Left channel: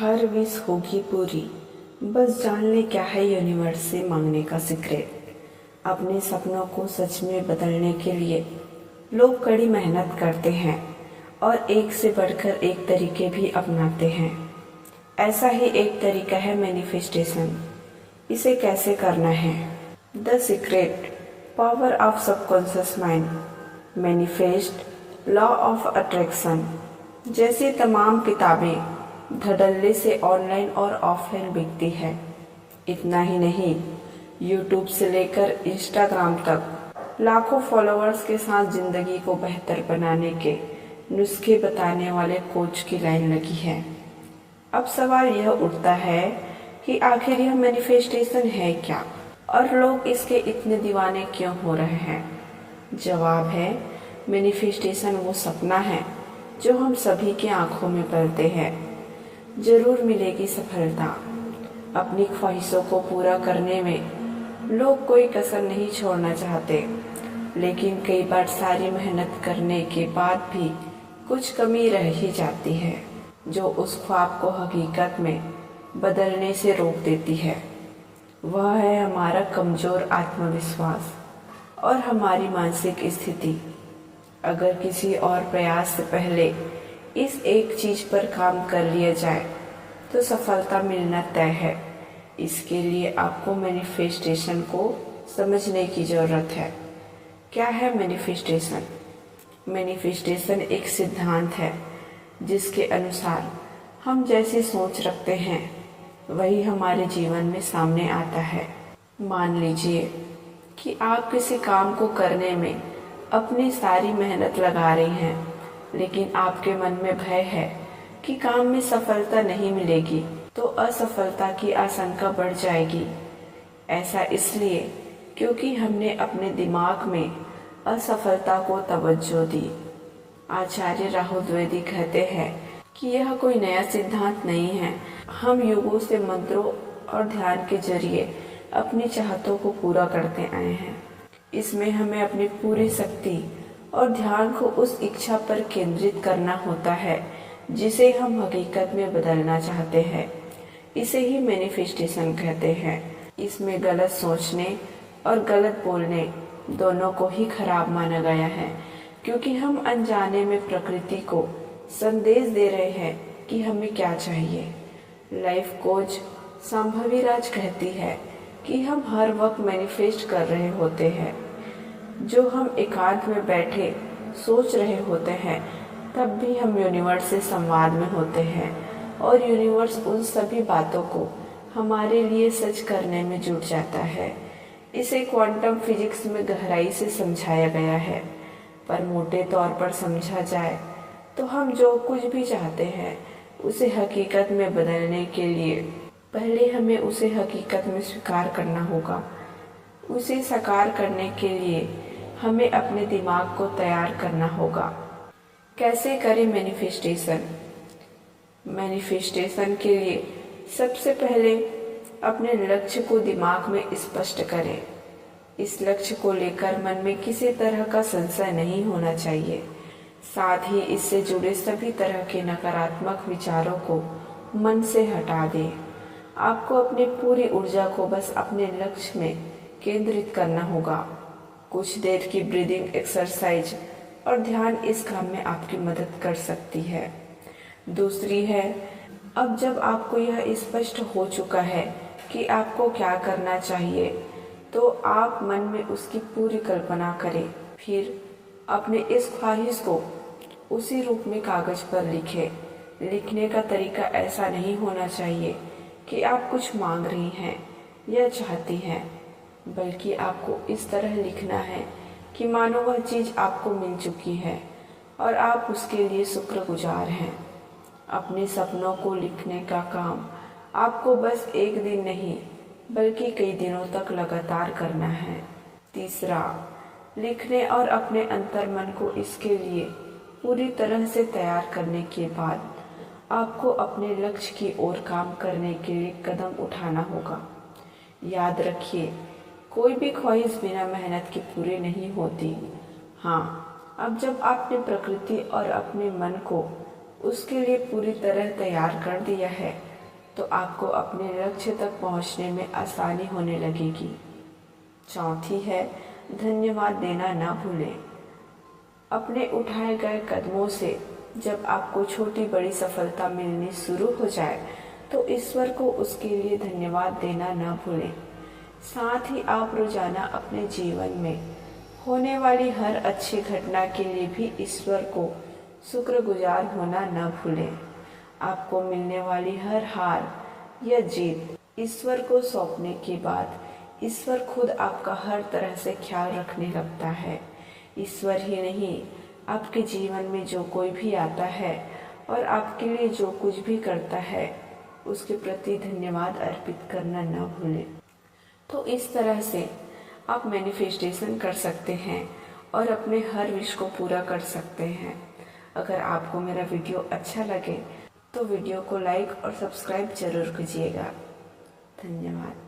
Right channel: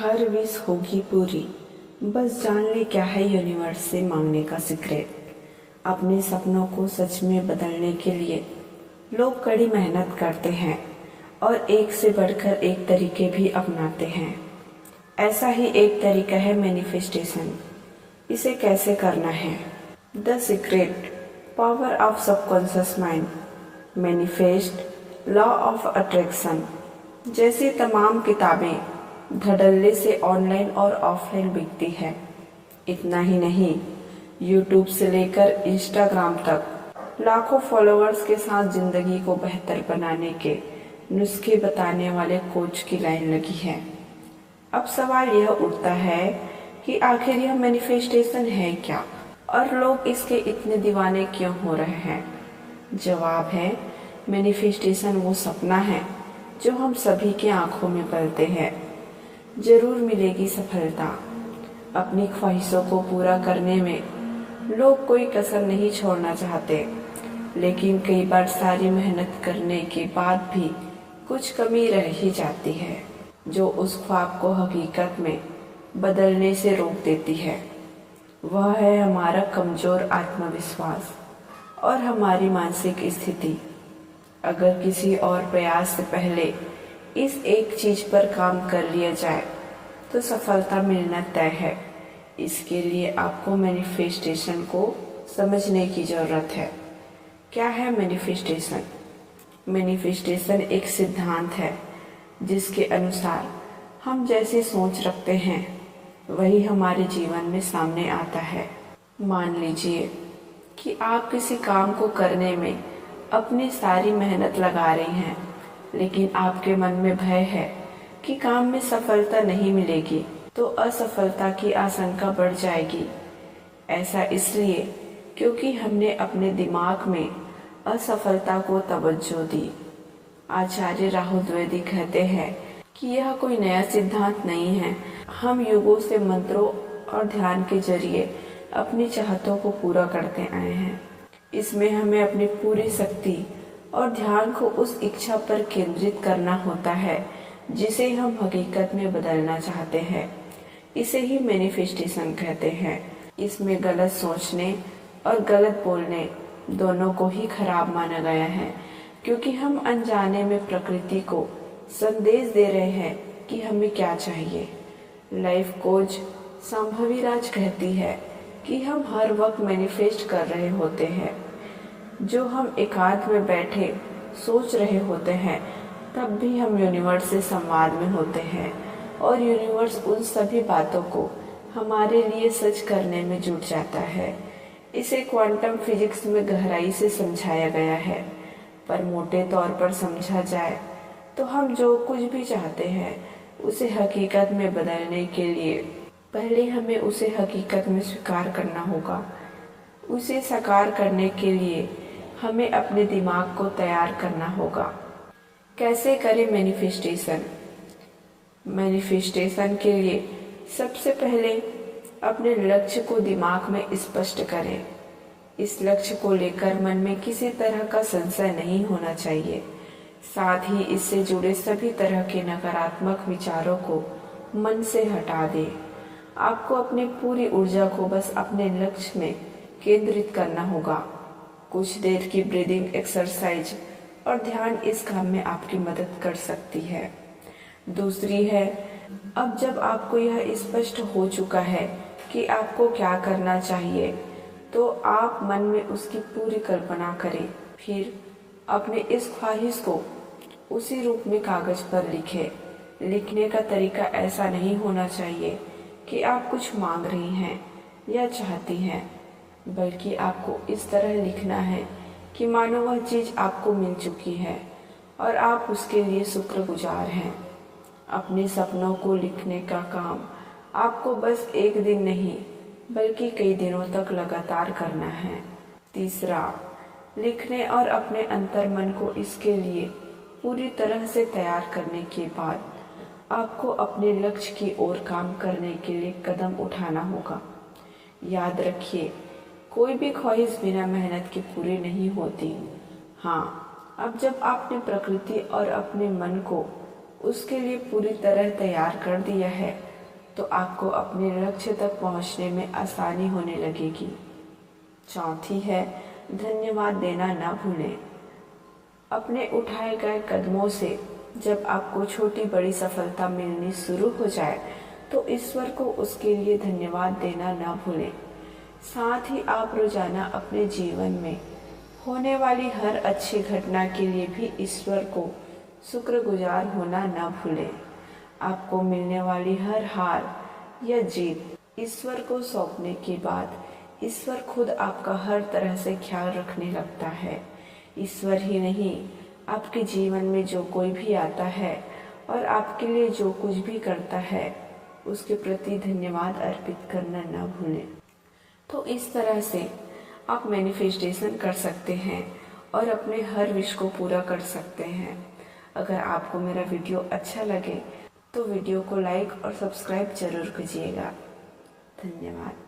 हर wish होगी पूरी, बस जान ले क्या है यूनिवर्स से मांगने का सीक्रेट। अपने सपनों को सच में बदलने के लिए लोग कड़ी मेहनत करते हैं और एक से बढ़कर एक तरीके भी अपनाते हैं। ऐसा ही एक तरीका है मैनिफेस्टेशन। इसे कैसे करना है? The secret, power of subconscious mind, manifest, law of attraction जैसी तमाम किताबें धड़ल्ले से ऑनलाइन और ऑफलाइन बिकती है। इतना ही नहीं, यूट्यूब से लेकर इंस्टाग्राम तक लाखों फॉलोअर्स के साथ जिंदगी को बेहतर बनाने के नुस्खे बताने वाले कोच की लाइन लगी है। अब सवाल यह उठता है कि आखिर यह मैनिफेस्टेशन है क्या और लोग इसके इतने दीवाने क्यों हो रहे हैं? जवाब है, मैनिफेस्टेशन वो सपना है जो हम सभी की आंखों में पलते हैं। जरूर मिलेगी सफलता। अपनी ख्वाहिशों को पूरा करने में लोग कोई कसर नहीं छोड़ना चाहते, लेकिन कई बार सारी मेहनत करने के बाद भी कुछ कमी रह ही जाती है, जो उस ख्वाब को हकीकत में बदलने से रोक देती है। वह है हमारा कमज़ोर आत्मविश्वास और हमारी मानसिक स्थिति। अगर किसी और प्रयास से पहले इस एक चीज पर काम कर लिया जाए तो सफलता मिलना तय है। इसके लिए आपको मैनिफेस्टेशन को समझने की ज़रूरत है। क्या है मैनिफेस्टेशन? मैनिफेस्टेशन एक सिद्धांत है जिसके अनुसार हम जैसी सोच रखते हैं वही हमारे जीवन में सामने आता है। मान लीजिए कि आप किसी काम को करने में अपनी सारी मेहनत लगा रही हैं, लेकिन आपके मन में भय है कि काम में सफलता नहीं मिलेगी, तो असफलता की आशंका बढ़ जाएगी। ऐसा इसलिए क्योंकि हमने अपने दिमाग में असफलता को तवज्जो दी। आचार्य राहुल द्विवेदी कहते हैं कि यह कोई नया सिद्धांत नहीं है। हम युगों से मंत्रों और ध्यान के जरिए अपनी चाहतों को पूरा करते आए हैं। इसमें हमें अपनी पूरी शक्ति और ध्यान को उस इच्छा पर केंद्रित करना होता है जिसे हम हकीकत में बदलना चाहते हैं। इसे ही मैनिफेस्टेशन कहते हैं। इसमें गलत सोचने और गलत बोलने दोनों को ही खराब माना गया है, क्योंकि हम अनजाने में प्रकृति को संदेश दे रहे हैं कि हमें क्या चाहिए। लाइफ कोच संभवी राज कहती है कि हम हर वक्त मैनिफेस्ट कर रहे होते हैं। जो हम एकांत में बैठे सोच रहे होते हैं, तब भी हम यूनिवर्स से संवाद में होते हैं और यूनिवर्स उन सभी बातों को हमारे लिए सच करने में जुट जाता है। इसे क्वांटम फिजिक्स में गहराई से समझाया गया है, पर मोटे तौर पर समझा जाए तो हम जो कुछ भी चाहते हैं उसे हकीकत में बदलने के लिए पहले हमें उसे हकीकत में स्वीकार करना होगा। उसे साकार करने के लिए हमें अपने दिमाग को तैयार करना होगा। कैसे करें मैनिफेस्टेशन? मैनिफेस्टेशन के लिए सबसे पहले अपने लक्ष्य को दिमाग में स्पष्ट करें। इस लक्ष्य को लेकर मन में किसी तरह का संशय नहीं होना चाहिए। साथ ही इससे जुड़े सभी तरह के नकारात्मक विचारों को मन से हटा दें। आपको अपनी पूरी ऊर्जा को बस अपने लक्ष्य में केंद्रित करना होगा। कुछ देर की ब्रीदिंग एक्सरसाइज और ध्यान इस काम में आपकी मदद कर सकती है। दूसरी है, अब जब आपको यह स्पष्ट हो चुका है कि आपको क्या करना चाहिए, तो आप मन में उसकी पूरी कल्पना करें। फिर अपने इस ख्वाहिश को उसी रूप में कागज पर लिखें। लिखने का तरीका ऐसा नहीं होना चाहिए कि आप कुछ मांग रही हैं या चाहती हैं, बल्कि आपको इस तरह लिखना है कि मानो वह चीज़ आपको मिल चुकी है और आप उसके लिए शुक्रगुजार हैं। अपने सपनों को लिखने का काम आपको बस एक दिन नहीं बल्कि कई दिनों तक लगातार करना है। तीसरा, लिखने और अपने अंतर्मन को इसके लिए पूरी तरह से तैयार करने के बाद आपको अपने लक्ष्य की ओर काम करने के लिए कदम उठाना होगा। याद रखिए, कोई भी ख्वाहिश बिना मेहनत के पूरी नहीं होती। हाँ, अब जब आपने प्रकृति और अपने मन को उसके लिए पूरी तरह तैयार कर दिया है, तो आपको अपने लक्ष्य तक पहुंचने में आसानी होने लगेगी। चौथी है, धन्यवाद देना ना भूलें। अपने उठाए गए कदमों से जब आपको छोटी बड़ी सफलता मिलनी शुरू हो जाए तो ईश्वर को उसके लिए धन्यवाद देना ना भूलें। साथ ही आप रोजाना अपने जीवन में होने वाली हर अच्छी घटना के लिए भी ईश्वर को शुक्रगुजार होना ना भूलें। आपको मिलने वाली हर हार या जीत ईश्वर को सौंपने के बाद ईश्वर खुद आपका हर तरह से ख्याल रखने लगता है। ईश्वर ही नहीं, आपके जीवन में जो कोई भी आता है और आपके लिए जो कुछ भी करता है उसके प्रति धन्यवाद अर्पित करना ना भूलें। तो इस तरह से आप मैनिफेस्टेशन कर सकते हैं और अपने हर विश को पूरा कर सकते हैं। अगर आपको मेरा वीडियो अच्छा लगे तो वीडियो को लाइक और सब्सक्राइब जरूर कीजिएगा। धन्यवाद।